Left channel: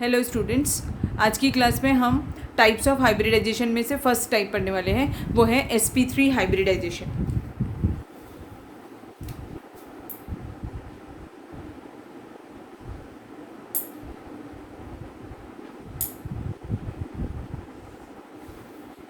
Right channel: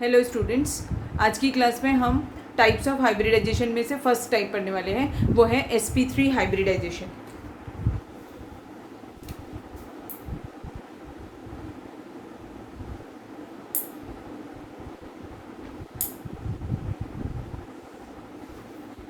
Hello students, आज की class में हम टाइप्स ऑफ हाइब्रिडाइजेशन में से फर्स्ट टाइप पढ़ने वाले हैं, वो है sp3 हाइब्रिडाइजेशन।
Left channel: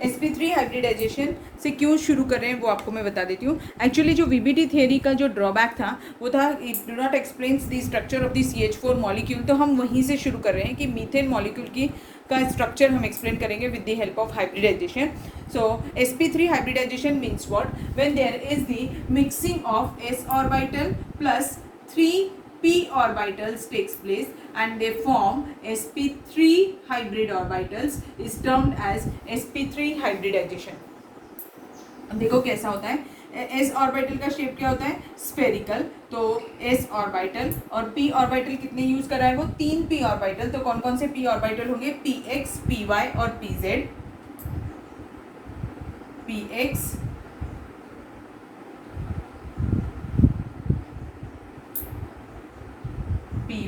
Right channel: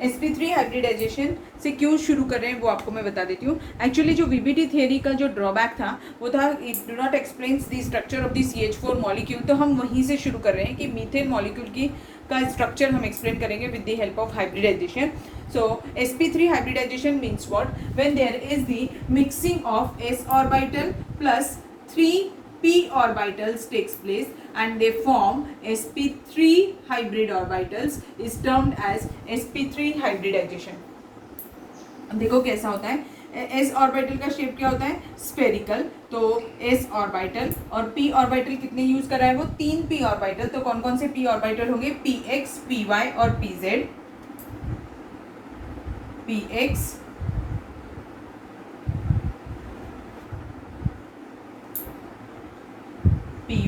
sp3 हाइब्रिडाइजेशन से क्यों शुरू कर रहे हैं वो आपको मैं बता देती हूँ। एक्चुअली जो वीबीटी थियरी का जो ड्रॉबैक था वो था it do not explains the structure of the CH4 molecule. तो हम वहीं से शुरू कर रहे हैं कि मीथेन मॉलिक्यूल की का स्ट्रक्चर हम एक्सप्लेन करेंगे with the help of hybridisation. So sp3 hybridisation means what? When there is the mixing of s orbital plus 3 p orbitals takes place and they form sp3 hybrid orbitals is termed as sp3 hybridization। देखो कैसा होता है। s orbital का shape क्या होता है? Spherical. तो s orbital और p ऑर्बिटल कितने यूज कर रहा है वो? 3 p ऑर्बिटल। तो कौन कौन से p ऑर्बिटल होंगे? px, py और pz। px, py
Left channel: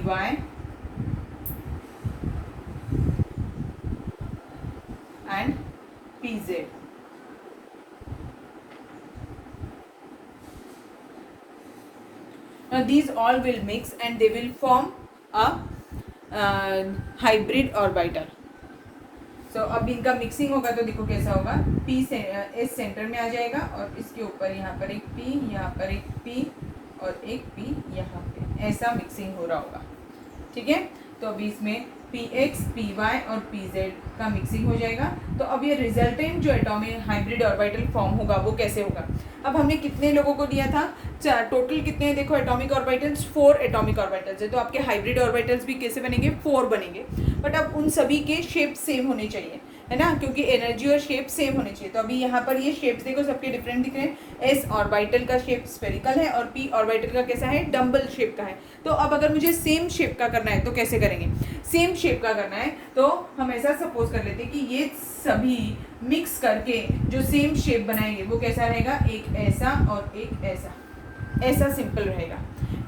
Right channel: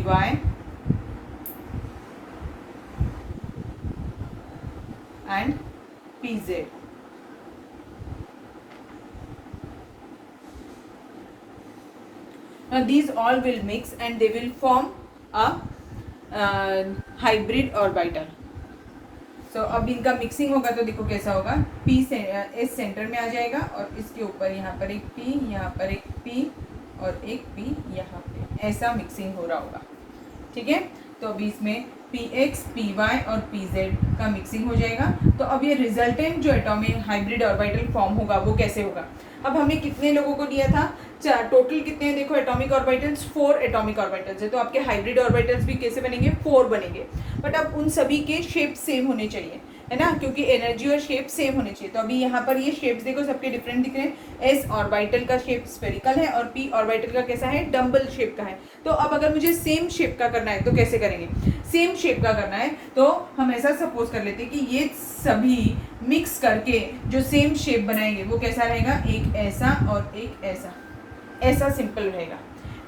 and pz। Now these all will mix and they will form a hybrid orbital। So अब इनका मिक्सिंग होगा तो देखो कैसा होगा। P से S सेंटर में आ जाएगा और इसके ऊपर यहाँ पर एक P, यहाँ पर एक P और एक P यहाँ पे, ऐसा मिक्सिंग हो रहा होगा। ठीक है, तो अभी इसमें px, py और pz का मिक्सिंग हो जाएगा। तो अब ये रिजल्टेंट जो एटॉमिक हाइब्रिड ऑर्बिटल फॉर्म होगा वो कैसे होगा? अब हमने कितने लोगों को दिया था? टोटल कितने हैं देखो एटॉमिक ऑर्बिटल्स? 4 एटॉमिक ऑर्बिटल्स है। तो आपके हाइब्रिड ऑर्बिटल्स भी कैसे बनेंगे? 4 बनेंगे। बट अब उन सभी के शेप सेम होने चाहिए, है ना, क्योंकि एनर्जी और शेप सेम होने चाहिए। तो अभी यहाँ पर ये शेप्स देखो सबके डिफरेंट दिख रहे हैं। एस ऑर्बिटल का शेप स्फेरिकल है और पी ऑर्बिटल का कैसा है? डम्बल शेप का है। तो अब अगर मुझे सेम शेप का करना है तो कैसे करेंगे? सेम शेप का करना है तो हम ऐसा सपोज कर लेते हैं कि ये सभी मिक्स करके जो सेम शेप बनाएंगे वो कैसा रहेगा? एक ऐसा और एक ऐसा, ऐसा सिंपल रहेगा।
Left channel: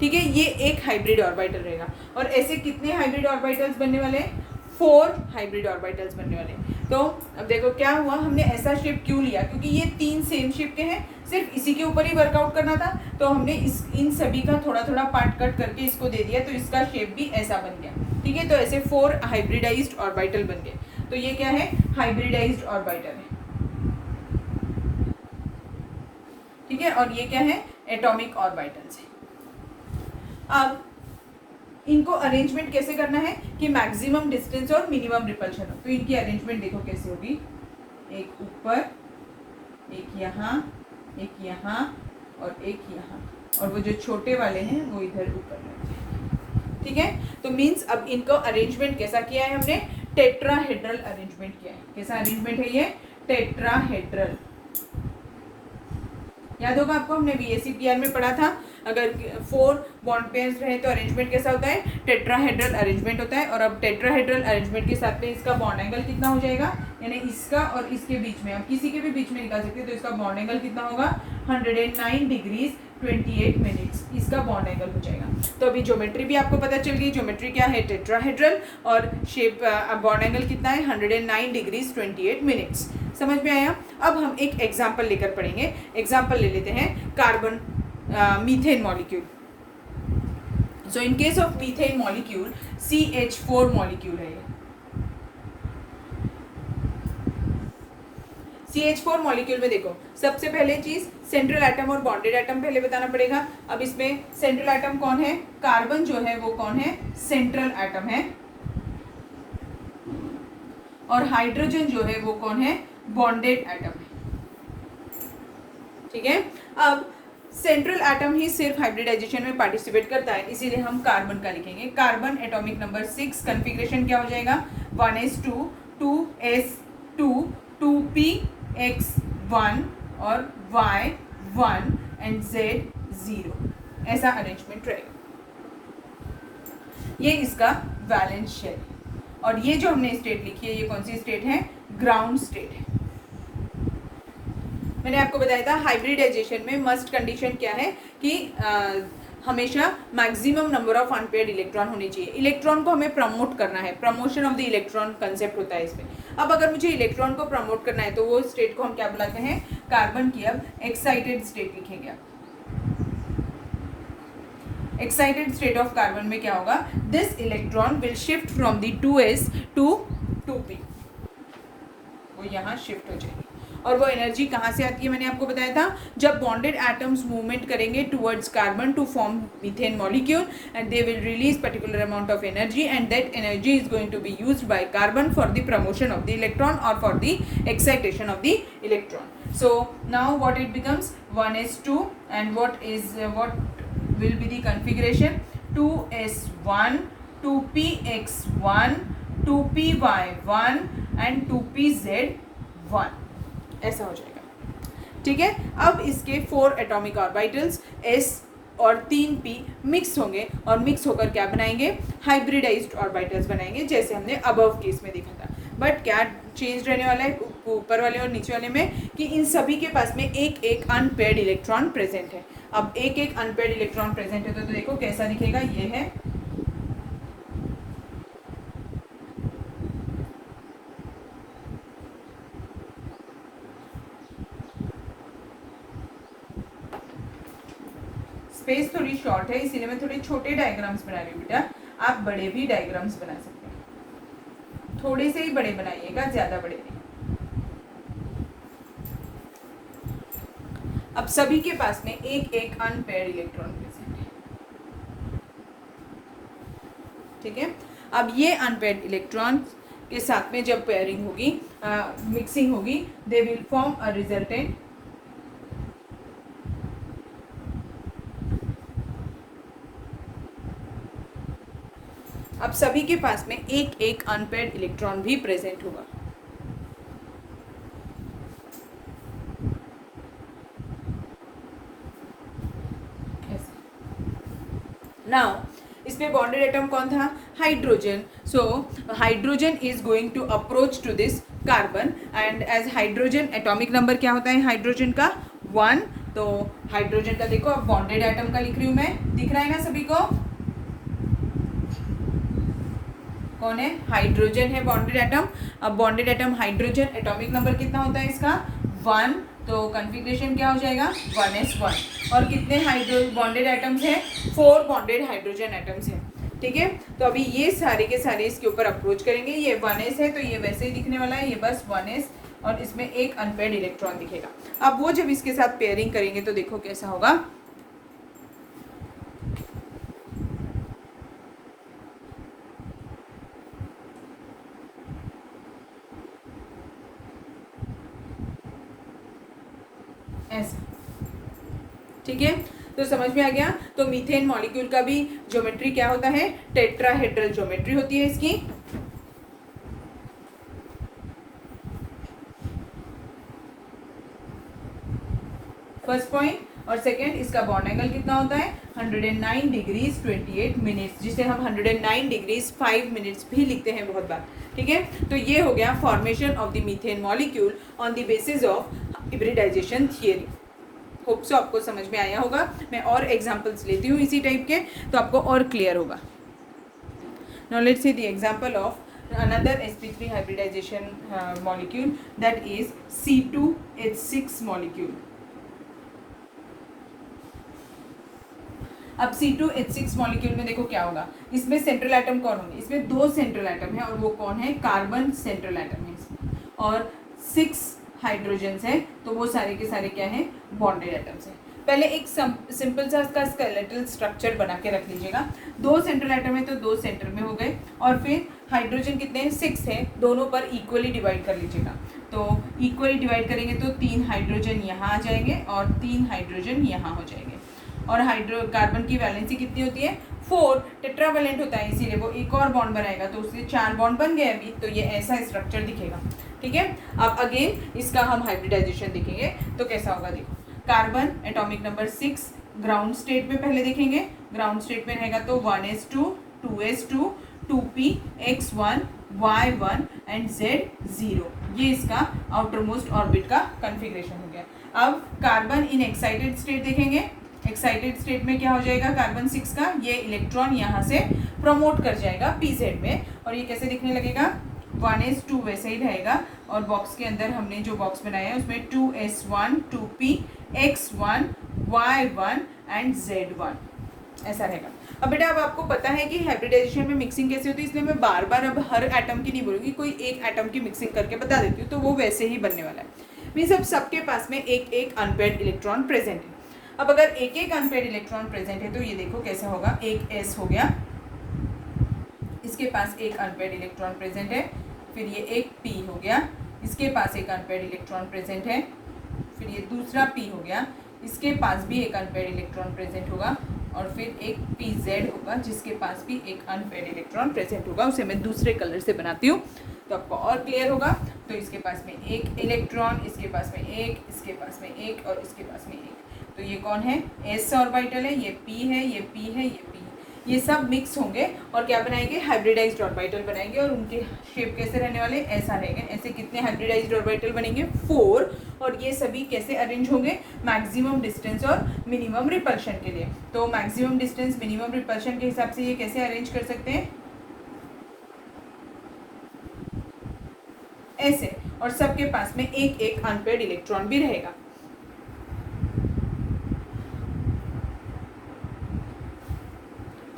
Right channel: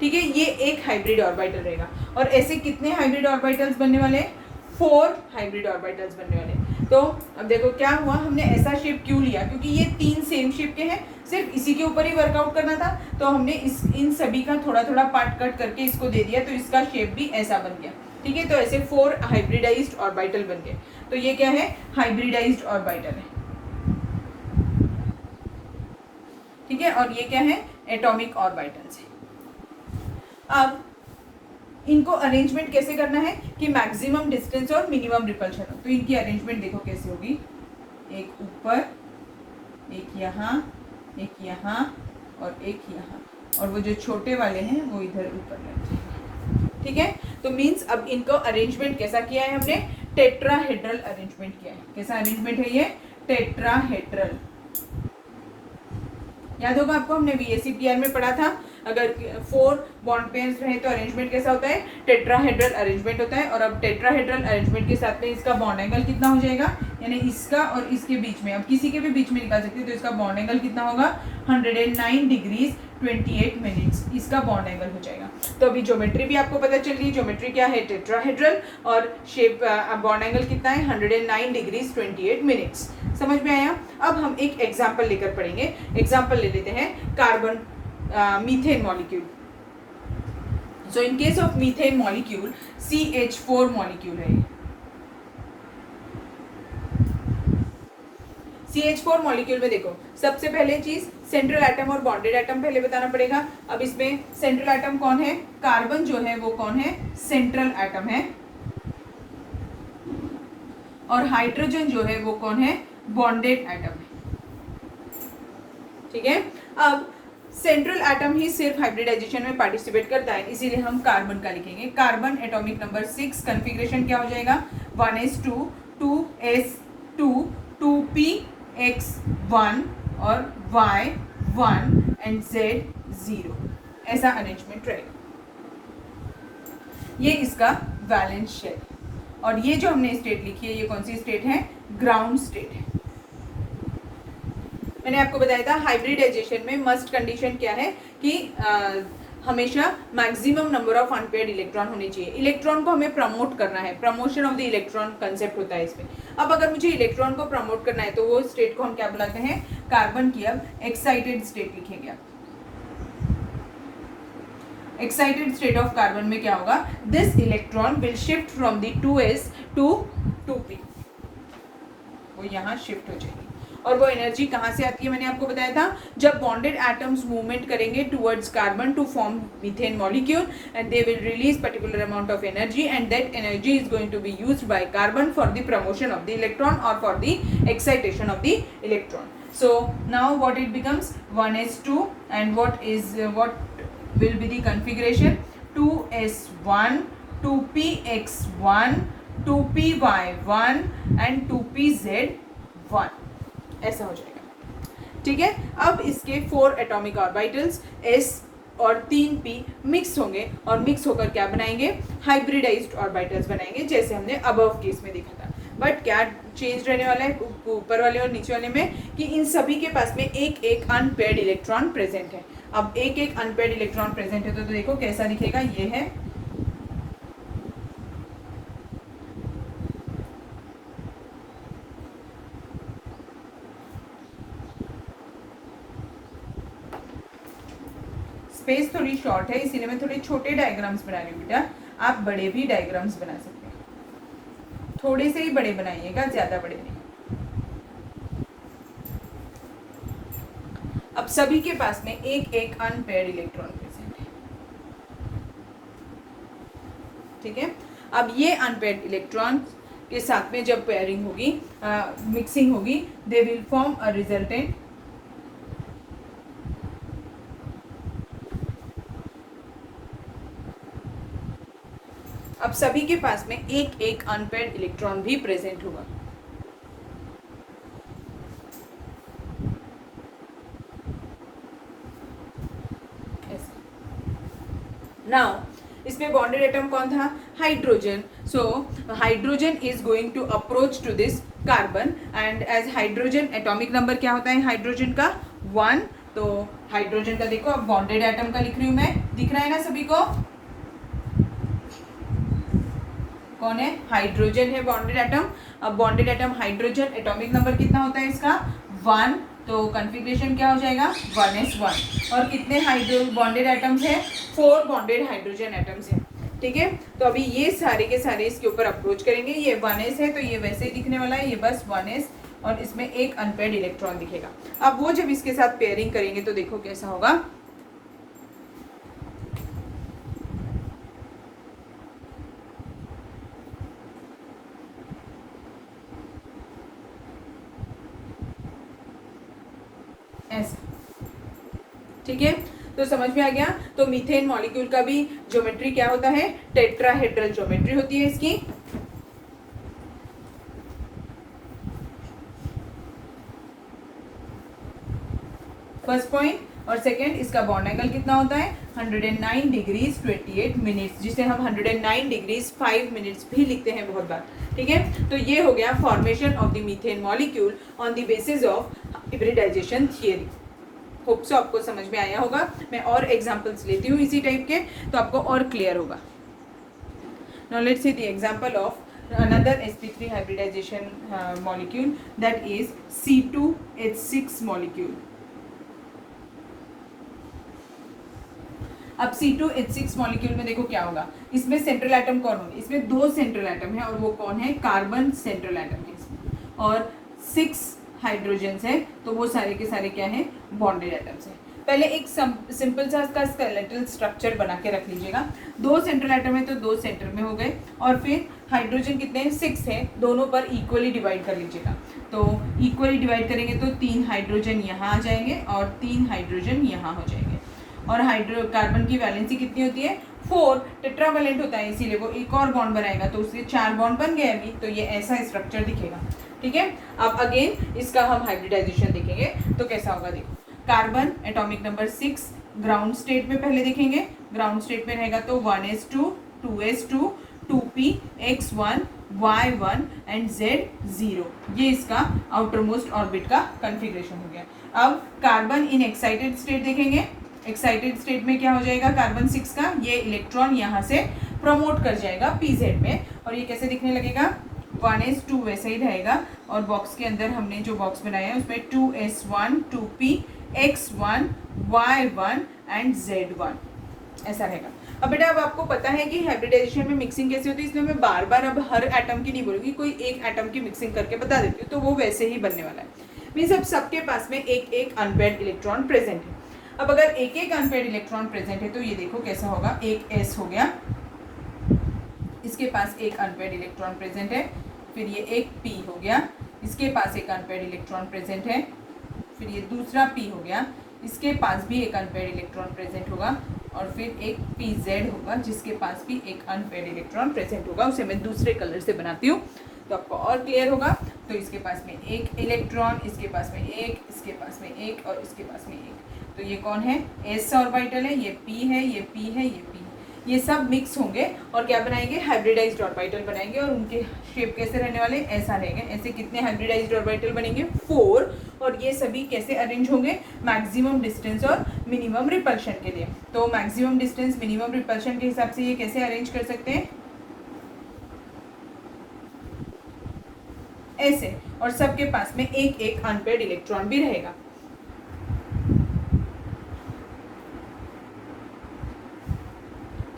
ठीक है, ये एक हाइब्रिड ऑर्बिटल रहेगा। और ऐसे कितने हाइब्रिड ऑर्बिटल्स बनने वाले हैं? 4 हाइब्रिड ऑर्बिटल्स बनने वाले हैं। तो अब देखो क्या हुआ, हमने ऐसा शेप क्यों लिया? क्योंकि ये 3 सेम शेप के हैं, सिर्फ इसी के ऊपर ही वर्कआउट करना था। तो हमने इन सभी का थोड़ा थोड़ा पार्ट कट करके इसको दे दिया, तो इसका शेप भी ऐसा बन गया। ठीक है, तो ऐसे 4 हाइब्रिडाइज्ड ऑर्बिटल बन गए। तो ये क्या है? हाइब्रिडाइज्ड ऑर्बिटल है। ठीक है, और ये क्या है? एटॉमिक ऑर्बिटल्स है। अब इनको अरेंजमेंट कैसे करना है कि मैक्सिमम डिस्टेंस और मिनिमम रिपल्शन हो? तो इनकी अरेंजमेंट देखो कैसे होगी। एक ऊपर, एक यहाँ, एक यहाँ और एक यहाँ, और वो जो छोटे वाले हैं वो इधर ऊपर रहते हैं। ठीक है, तो मीन्स अब इनको अरेंजमेंट कैसा किया है हमने? टेट्राहेड्रल अरेंजमेंट किया है। कैसा अरेंजमेंट है ये? टेट्राहेड्रल। याद होगा आपको, हमने VSEPR में पढ़ा था, अगर 4 बॉन्ड पेयर्स रहे तो अरेंजमेंट कैसा होता है? टेट्राहेड्रल अरेंजमेंट होता है। और अब टेट्राहेड्रल अरेंजमेंट के साथ में इसका बॉन्ड एंगल कितना हो जाएगा? यानी इसका और इसके बीच में, अब किसी के भी बीच में निकाल सकते हैं, तो इसका बॉन्ड एंगल कितना होगा? 109 डिग्रीज 28 मिनट्स इसका बॉन्ड एंगल हो जाएगा। तो अभी ज्योमेट्री भी आपको पता चल गई। ज्योमेट्री क्या है? टेट्राहेड्रल, और शेप बॉन्ड एंगल कितना है? 109 डिग्रीज 28 मिनट्स। समझ में आया? अब हम एक एग्जाम्पल लेकर पढ़ेंगे। एग्जाम्पल ले लेते हैं carbon methane molecule. So in case of methane molecule CH4 molecule है। CH4 मॉलिक्यूल में देखो सबसे पहले चीज सेंट्रल एटम और बॉन्डेड एटम पहले बताना पड़ेगा। अब इसमें सेंट्रल एटम कौन है? कार्बन जो है वो कौन है? सेंट्रल एटम है। और हाइड्रोजन जो है वो कौन है? बॉन्डेड एटम है। ठीक है, अब सेंट्रल एटम ही सिर्फ हाइब्रिडाइजेशन में पार्टिसिपेट करता है, इसीलिए हम कार्बन का लिखेंगे। कार्बन एटॉमिक नंबर 6, कॉन्फ़िगरेशन क्या हो जाएगा? 1s2, 2s2, 2px1 और y1 एंड z0, ऐसा अरेंजमेंट रहेगा। ये इसका वैलेंस शेल। और ये जो हमने स्टेट लिखी है, ये कौन सी स्टेट है? ग्राउंड स्टेट है। मैंने आपको बताया था हाइब्रिडाइजेशन में मस्ट कंडीशन क्या है कि हमेशा maximum number of unpaired electron होने चाहिए। इलेक्ट्रॉन को हमें प्रमोट करना है, promotion of the electron concept होता है इसमें। अब अगर मुझे इलेक्ट्रॉन को प्रमोट करना है तो वो स्टेट को हम क्या बुलाते हैं, कार्बन की। अब एक्साइटेड स्टेट लिखेंगे आप। एक्साइटेड स्टेट ऑफ कार्बन में क्या होगा, this electron will shift from the 2s to 2p, वो यहाँ शिफ्ट हो जाएगी। और वो एनर्जी कहाँ से आती है, मैंने आपको बताया था, जब बॉन्डेड एटम्स मूवमेंट करेंगे towards carbon to form methane molecule and they will release particular amount of energy and that energy is going to be used by carbon for the promotion of the electron और for the excitation of the electron. So now what it becomes 1s2 and what will be the configuration, 2s1 2px1 2py1 and 2pz1, ऐसा हो जाएगा। ठीक है, अब इसके 4 atomic orbitals s और 3p mix होंगे और मिक्स होकर क्या बनाएंगे, हाइब्रिडाइज्ड ऑर्बिटल्स बनाएंगे, जैसे हमने अबव केस में देखा था। बट क्या चेंज रहने वाला है ऊपर वाले और नीचे वाले में, कि इन सभी के पास में एक एक अनपेयर्ड इलेक्ट्रॉन प्रेजेंट है। अब एक एक अनपेयर्ड इलेक्ट्रॉन प्रेजेंट है तो देखो कैसा दिखेगा, ये है स्पेस थोड़ी शॉर्ट है इसीलिए मैं थोड़े छोटे डायग्राम्स बना रही हूँ बेटा, आप बड़े भी डायग्राम्स बना सकते हैं, थोड़े से ही बड़े बनाइएगा, ज्यादा बड़े नहीं। अब सभी के पास में एक एक अनपेयर्ड इलेक्ट्रॉन प्रेजेंट है। ठीक है, अब ये अनपेयर्ड इलेक्ट्रॉन के साथ में जब पेयरिंग होगी, मिक्सिंग होगी, they will form a resultant अब सभी के पास में एक एक अनपेयर्ड इलेक्ट्रॉन भी प्रेजेंट होगा। नाउ इसमें बॉन्डेड एटम कौन था, hydrogen. So hydrogen is going to approach to this carbon and as hydrogen atomic number क्या होता है हाइड्रोजन का, 1। तो हाइड्रोजन का देखो, अब बॉन्डेड एटम का लिख रही हूं मैं, दिख रहा है ना सभी को, कौन है, हाइड्रोजन है बॉन्डेड एटम। अब bonded atom hydrogen, atomic number कितना होता है इसका, 1। तो कन्फिग्रेशन क्या हो जाएगा, 1s1। और कितने हाइड्रो बॉन्डेड एटम्स हैं, 4 बॉन्डेड हाइड्रोजन एटम्स हैं। ठीक है, तो अभी ये सारे के सारे इसके ऊपर अप्रोच करेंगे। ये 1s है तो ये वैसे ही दिखने वाला है, ये बस 1s और इसमें एक अनपेयर्ड इलेक्ट्रॉन दिखेगा। अब वो जब इसके साथ पेयरिंग करेंगे तो देखो कैसा होगा, ऐसा। ठीक है, तो समझ में आ गया। तो मीथेन मॉलिक्यूल का भी ज्योमेट्री क्या होता है, टेट्राहेड्रल ज्योमेट्री होती है इसकी। First point. और सेकेंड, इसका बॉन्ड एंगल कितना होता है, 109 डिग्रीज 28 मिनट्स, जिसे हम 109 डिग्रीज 5 मिनट्स भी लिखते हैं बहुत बार। ठीक है, तो ये हो गया formation of the methane molecule on the basis of hybridisation theory. Hope so आपको समझ में आया होगा। मैं और एग्जांपल्स लेती हूँ इसी टाइप के, तो आपको और क्लियर होगा। Now let's see the example of another sp3 hybridization molecule, that is C2H6 molecule. अब C2H6 मॉलिक्यूल में देखो क्या होगा, इसमें सेंट्रल एटम कौन होंगे, इसमें 2 सेंट्रल एटम है और वो कौन है, कार्बन सेंट्रल एटम है इसमें, और 6 हाइड्रोजन है, तो वो सारे के सारे क्या है, बॉन्डेड एटम्स है। पहले एक सिंपल सा इसका स्केलेटल स्ट्रक्चर बना के रख लीजिएगा। 2 सेंट्रल एटम है तो 2 सेंटर में हो गए, और फिर हाइड्रोजन कितने हैं, 6 है, दोनों पर इक्वली डिवाइड कर लीजिएगा। तो इक्वली डिवाइड करेंगे तो 3 हाइड्रोजन यहाँ आ जाएंगे और 3 हाइड्रोजन यहाँ हो जाएंगे। और कार्बन की वैलेंसी कितनी होती है, 4, टेट्रावैलेंट होता है, इसीलिए वो एक और बॉन्ड बनाएगा तो उसके 4 बॉन्ड बन गए अभी, तो ये ऐसा स्ट्रक्चर दिखेगा। ठीक है, अब अगेन इसका हम हाइब्रिडाइजेशन देखेंगे तो कैसा होगा। देखो, carbon atomic number 6 ground state में पहले देखेंगे, ग्राउंड स्टेट में रहेगा तो 1s2 2s2 2px1 y1 and z0, ये इसका आउटर मोस्ट ऑर्बिट का कन्फिग्रेशन हो गया। अब कार्बन इन एक्साइटेड स्टेट देखेंगे, एक्साइटेड स्टेट में क्या हो जाएगा, कार्बन 6 का ये इलेक्ट्रॉन यहाँ से प्रमोट कर जाएगा pz में, और ये कैसे दिखने लगेगा, 1s2 वैसे ही रहेगा। और बॉक्स के अंदर हमने जो बॉक्स बनाया है उसमें 2s1 2p x1 y1 and z1 ऐसा रहेगा। अब बेटा अब आपको पता है कि हाइब्रिडाइजेशन में मिक्सिंग कैसे होती है, इसलिए मैं बार बार अब हर एटम की नहीं बोलूँगी, कोई एक एटम की मिक्सिंग करके बता देती हूँ, तो वो वैसे ही बनने वाला है। मीन्स अब सबके पास में एक एक अनपेयर्ड इलेक्ट्रॉन प्रेजेंट है। अब अगर एक एक अनपेयर्ड इलेक्ट्रॉन प्रेजेंट है तो ये देखो कैसा होगा, एक s हो गया, इसके पास एक अनपेयर्ड इलेक्ट्रॉन प्रेजेंट है, फिर ये एक p हो गया, इसके पास एक अनपेयर्ड इलेक्ट्रॉन प्रेजेंट है, फिर ये दूसरा p हो गया, इसके पास भी एक अनपेयर्ड इलेक्ट्रॉन प्रेजेंट होगा, और फिर एक pz होगा जिसके पास भी एक अनपेयर्ड इलेक्ट्रॉन प्रेजेंट होगा। उसे मैं दूसरे कलर से बनाती हूँ तो आपको और क्लियर होगा। तो इसके पास में एक इलेक्ट्रॉन, इसके पास में एक, इसके पास में एक, और इसके पास में एक। तो ये कौन है, s ऑर्बिटल है, ये p है, ये p है, ये p है। ये सब मिक्स होंगे और क्या बनाएंगे, हाइब्रिडाइज्ड ऑर्बिटल बनाएंगे, और उनके शेप कैसे रहने वाले, ऐसा रहेंगे। ऐसे कितने हाइब्रिडाइज्ड ऑर्बिटल बनेंगे, 4, और ये सभी कैसे अरेंज होंगे, मैक्सिमम डिस्टेंस और मिनिमम रिपल्शन के लिए। तो मैक्सिमम डिस्टेंस मिनिमम रिपल्शन के हिसाब से ये कैसे अरेंज कर सकते हैं, ऐसे, और सबके पास में एक एक अनपेयर्ड इलेक्ट्रॉन भी रहेगा।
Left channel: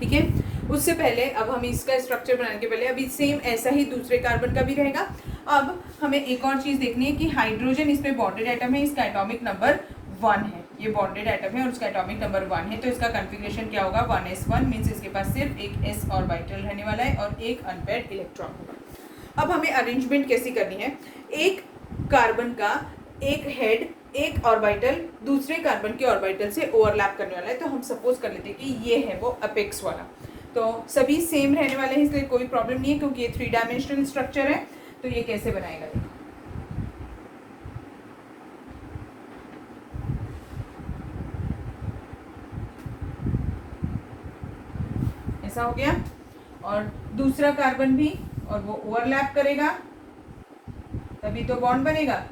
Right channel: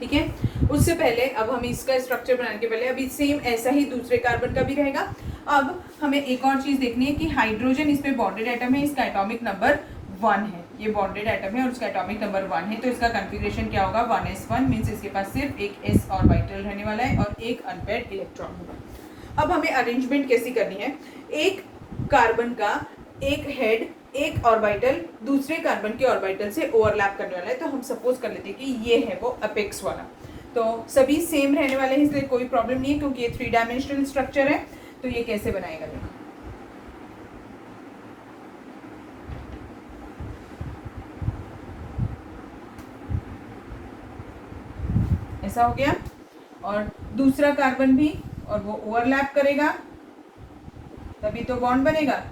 ठीक है, उससे पहले अब हम इसका स्ट्रक्चर बनाने के पहले अभी सेम ऐसा ही दूसरे कार्बन का भी रहेगा। अब हमें एक और चीज देखनी है कि हाइड्रोजन इस पे बॉन्डेड एटम है, इसका एटॉमिक नंबर 1 है, ये बॉन्डेड एटम है और इसका एटॉमिक नंबर 1 है, तो इसका कॉन्फ़िगरेशन क्या होगा, 1s1 मींस इसके पास सिर्फ एक s ऑर्बिटल रहने वाला है और एक अनपेयर्ड इलेक्ट्रॉन होगा। अब हमें अरेंजमेंट कैसी करनी है, एक कार्बन का एक हेड एक ऑर्बिटल दूसरे कार्बन के ऑर्बिटल से ओवरलैप करने वाला है, तो हम सपोज कर लेते हैं कि ये है वो अपेक्स वाला। तो सभी सेम रहने वाले हैं, इसलिए कोई प्रॉब्लम नहीं है क्योंकि ये 3 डायमेंशनल स्ट्रक्चर है। तो ये कैसे बनाएगा, देखो ऐसा हो गया, और दूसरा कार्बन भी, और वो ओवरलैप करेगा तभी तो बॉन्ड बनेगा।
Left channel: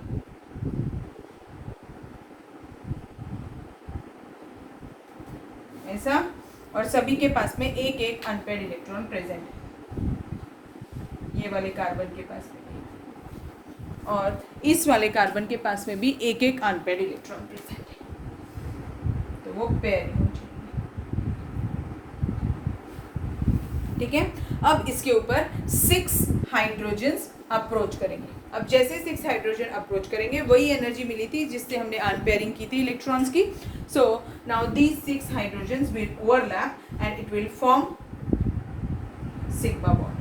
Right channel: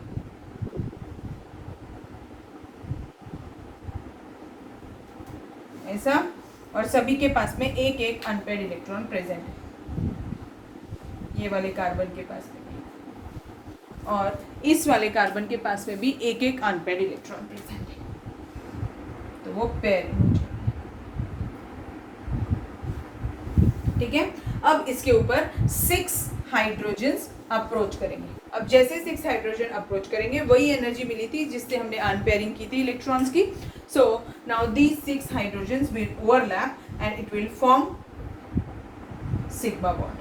ऐसा, और सभी के पास में एक एक अनपेयर्ड इलेक्ट्रॉन प्रेजेंट है, ये वाले कार्बन के पास में भी, और इस वाले कार्बन के पास में भी एक एक अनपेयर्ड इलेक्ट्रॉन प्रेजेंट है, तो वो पेयर हो जाएगा। ठीक है, अब इसके ऊपर 6 हाइड्रोजन्स अप्रोच करेंगे। अब जैसे 6 हाइड्रोजन अप्रोच करेंगे वही एनर्जी मिली थी जिससे हमने अनपेयरिंग की थी इलेक्ट्रॉन्स की। So now these 6 hydrogens will overlap and it will form sigma bond.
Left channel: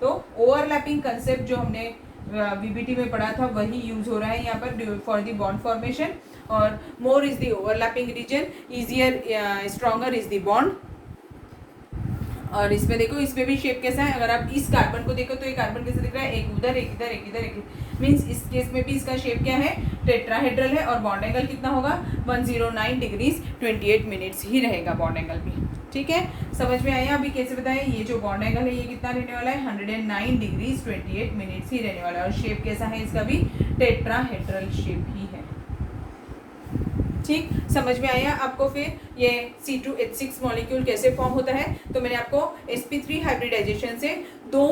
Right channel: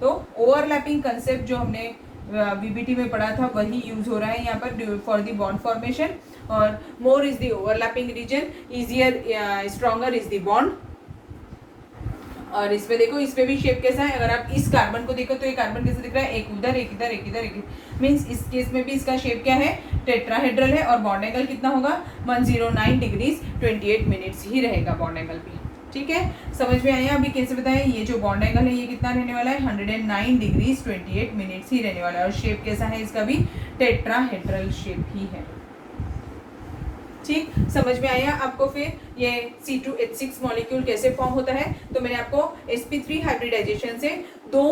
तो ओवरलैपिंग कंसेप्ट जो हमने वीबीटी में पढ़ा था वही यूज हो रहा है यहाँ पर फॉर द बॉन्ड फॉर्मेशन। और more is the overlapping region, easier stronger is the bond. और इसमें देखो, इसमें भी शेप कैसा है, अगर आप इस कार्बन को देखो तो ये कार्बन कैसे दिख रहा है, एक उधर एक इधर एक इधर एक, मीन्स इस केस में भी इसका शेप क्या है, टेट्राहेड्रल है, और बॉन्ड एंगल कितना होगा 109 डिग्रीज 28 मिनट्स ही रहेगा बॉन्ड एंगल भी। ठीक है, समझ में आया अभी कैसे बताएं, ये जो बॉन्ड एंगल है ये कितना रहने वाला है 109 डिग्रीज 28 मिनट्स ही रहने वाला है, और शेप कैसा है इसका भी टेट्राहेड्रल शेप ही है। ठीक, समझ में आया आपको। फिर ये C2H6 मॉलिक्यूल कैसे फॉर्म होता है, तो मैंने आपको sp3 हाइब्रिडाइजेशन से 2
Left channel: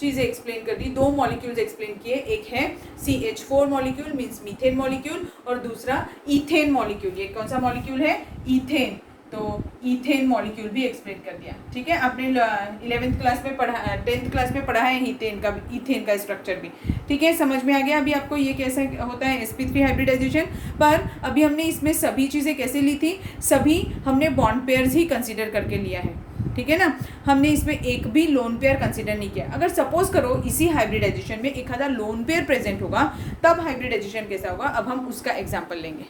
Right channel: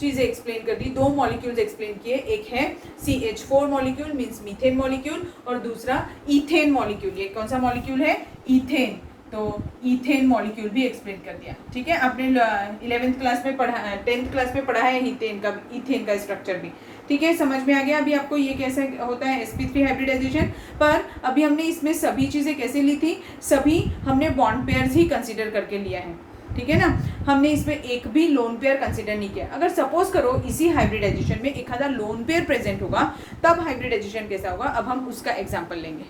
चीजें एक्सप्लेन कर दी, 2 मॉलिक्यूल्स एक्सप्लेन किए। एक है CH4 molecule means methane molecule, और दूसरा इथेन मॉलिक्यूल। ये कौन सा मॉलिक्यूल है, इथेन। तो इथेन मॉलिक्यूल भी एक्सप्लेन कर दिया। ठीक है, आपने 11th क्लास में पढ़ा, 10th क्लास में पढ़ा है इथेन का स्ट्रक्चर भी। ठीक है, समझ में आ गया अभी आपको ये कैसे होता है sp3 हाइब्रिडाइजेशन। पर अभी हमने इसमें सभी चीज़ें कैसे ली थी, सभी हमने बॉन्ड पेयर्स ही कंसिडर करके लिया है। ठीक है ना, हमने इसमें एक भी लोन पेयर कंसिडर नहीं किया। अगर सपोज करो इसी हाइब्रिडाइजेशन में एक आधा लोन पेयर प्रेजेंट होगा तब हाइब्रिडाइजेशन कैसा होगा, अब हम उसका एग्जाम्पल लेंगे।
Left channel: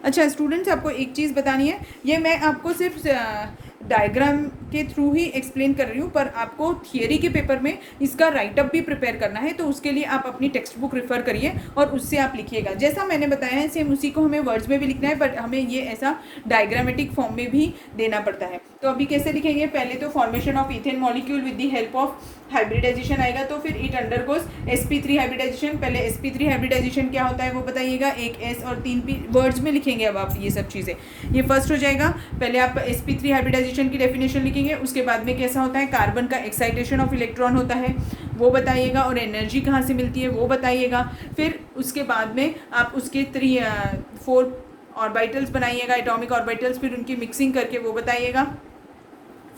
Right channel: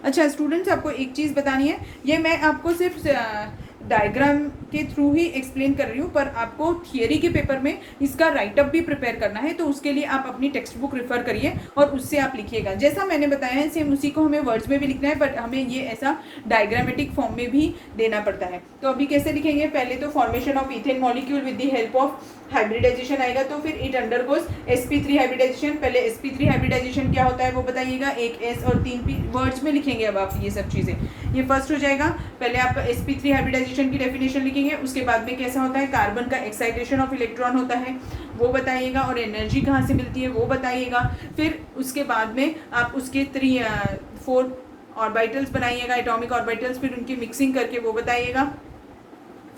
अच्छा स्टूडेंट्स, आपको एक चीज़ बतानी है, ये मैं आपको सिर्फ डायग्राम के थ्रू ही एक्सप्लेन कर रही हूँ, पर आपको थियरी के पेपर में इसका राइटअप भी प्रिपेयर करना है, तो उसके लिए आप अपनी टेक्स्ट बुक रेफर करिए और उससे आप लिखिएगा। जैसा मैंने बताया है सेम उसी को हमें वर्ड्स में भी लिखना है, बट हमें ये ऐसा डायग्रामेटिक फॉर्म में भी देना पड़ता है। तो अभी कैसे लिखेंगे, पहले तो formation of ethane molecule with the help of hybridisation आएगा, तो फिर इट अंडरगोज sp3 हाइब्रिडाइजेशन। पहले sp3 हाइब्रिडाइजेशन क्या होता है वो बताइएगा, एक s और 3 p वर्ड्स में लिखेंगे। अब आप ये सब चीज़ें, ये फर्स्ट हो जाएगा। पहले आप sp3 हाइब्रिडाइजेशन की डेफिनेशन लिखेंगे, उसके बाद में कैसा होता है, कार्बन का एक्साइटेशन ऑफ इलेक्ट्रॉन होता है वो बताइएगा, और एनर्जी कहाँ से मिलती है वो बताइएगा। फिर उसके बाद में आप उसके 4 ऑर्बिटल्स बनाइएगा, एटॉमिक ऑर्बिटल्स, फिर उनकी मिक्सिंग करके वो बताइएगा।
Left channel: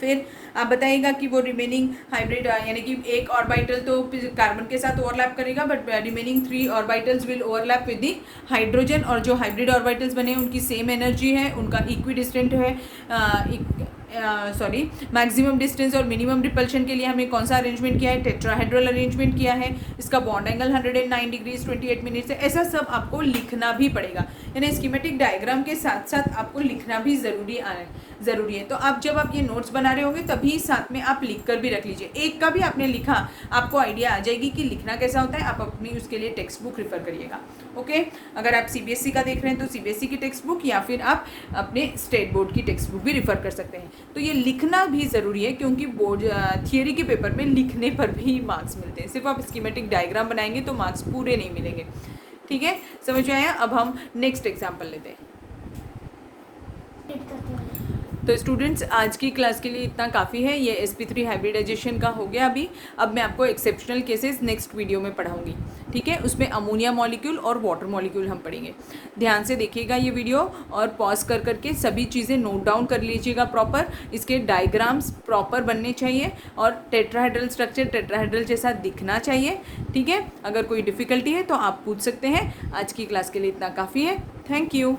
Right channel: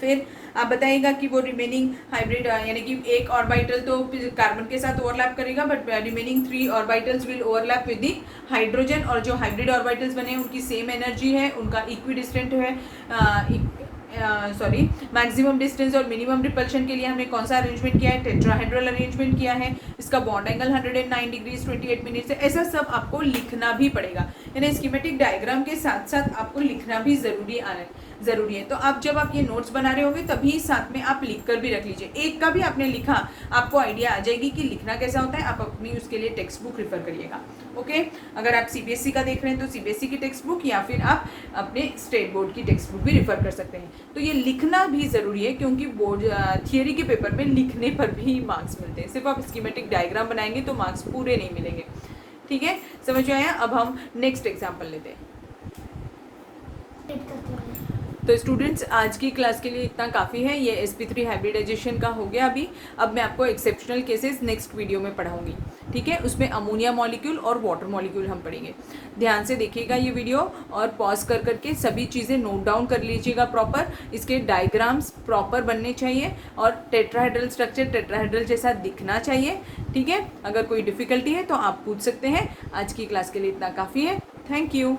फिर आप बताइएगा कि वो रिमेनिंग हाइब्रिड यानी कि एक ऑर्बिटल तो कार्बन के साथ ओवरलैप करेगा, but remaining 3 orbitals will overlap with the hydrogen, और जो हाइब्रिड ऑर्बिटल्स बने उनकी सेम एनर्जी है, उनका इक्विडिस्टेंट है, मैक्सिमम डिस्टेंस और मिनिमम रिपल्शन के लिए हमने कौन सा अरेंजमेंट किया है, टेट्राहेड्रल अरेंजमेंट किया है। इसका बॉन्ड एंगल 109 डिग्रीज 28 मिनट्स है। ऐसा सब आपको लिखना भी पड़ेगा, यानी स्कीमेटिक डायग्राम के साथ साथ आपको लिखना भी ज़रूरी है। तो आप जब आप ये नोट्स बना रहे होंगे तभी साथ में आप लिख कर भी रख लीजिए। एक का भी आपने लिखा, आपको आइडिया आ जाएगी कि लिखना कैसा होता है। आप अपनी उसके लिए टेक्स्ट बुक रेफर करिएगा। ओके, अगर आप सीबीएसई का देख रहे हैं तो सीबीएसई की टेक्स्ट बुक, या फिर आप अपने स्टेट बोर्ड की टेक्स्ट बुक भी रेफर कर सकते हैं। तो ये लिखना भी ज़रूरी है, क्योंकि बोर्ड थियरी के पेपर में लिखने पर भी मार्क्स मिलते हैं। सिर्फ आप स्कीमेटिक डायग्राम बनाएंगे तो मार्क्स पूरे नहीं मिलेंगे। ठीक है, समझ में आया? अब हम नेक्स्ट एग्जाम्पल लेते हैं। तो स्टूडेंट्स, आज की क्लास के लिए इतना काफ़ी है। ये sp3 हाइब्रिडाइजेशन का हो गया अभी। अब मैं आपको एक्सेप्शनल केसेस नेक्स्ट वीडियो में पढ़ाऊंगी। ठीक है, उसमें अमोनिया मॉलिक्यूल और वाटर मॉलिक्यूल हम पढ़ेंगे। ध्यान से देखिएगा ये वीडियो, और पॉज कर करके सभी चीज़ें नोट डाउन कर लीजिएगा प्रॉपर। इसके डायग्राम्स प्रॉपर बनने चाहिए, और टेट्राहेड्रल स्ट्रक्चर टेट्राहेड्रल जैसा दिखना चाहिए। ठीक है, अगर कोई डिफ़िकल्टी है तो आप पूछ सकते हैं। आज की क्लास के लिए इतना काफ़ी है। Thank you.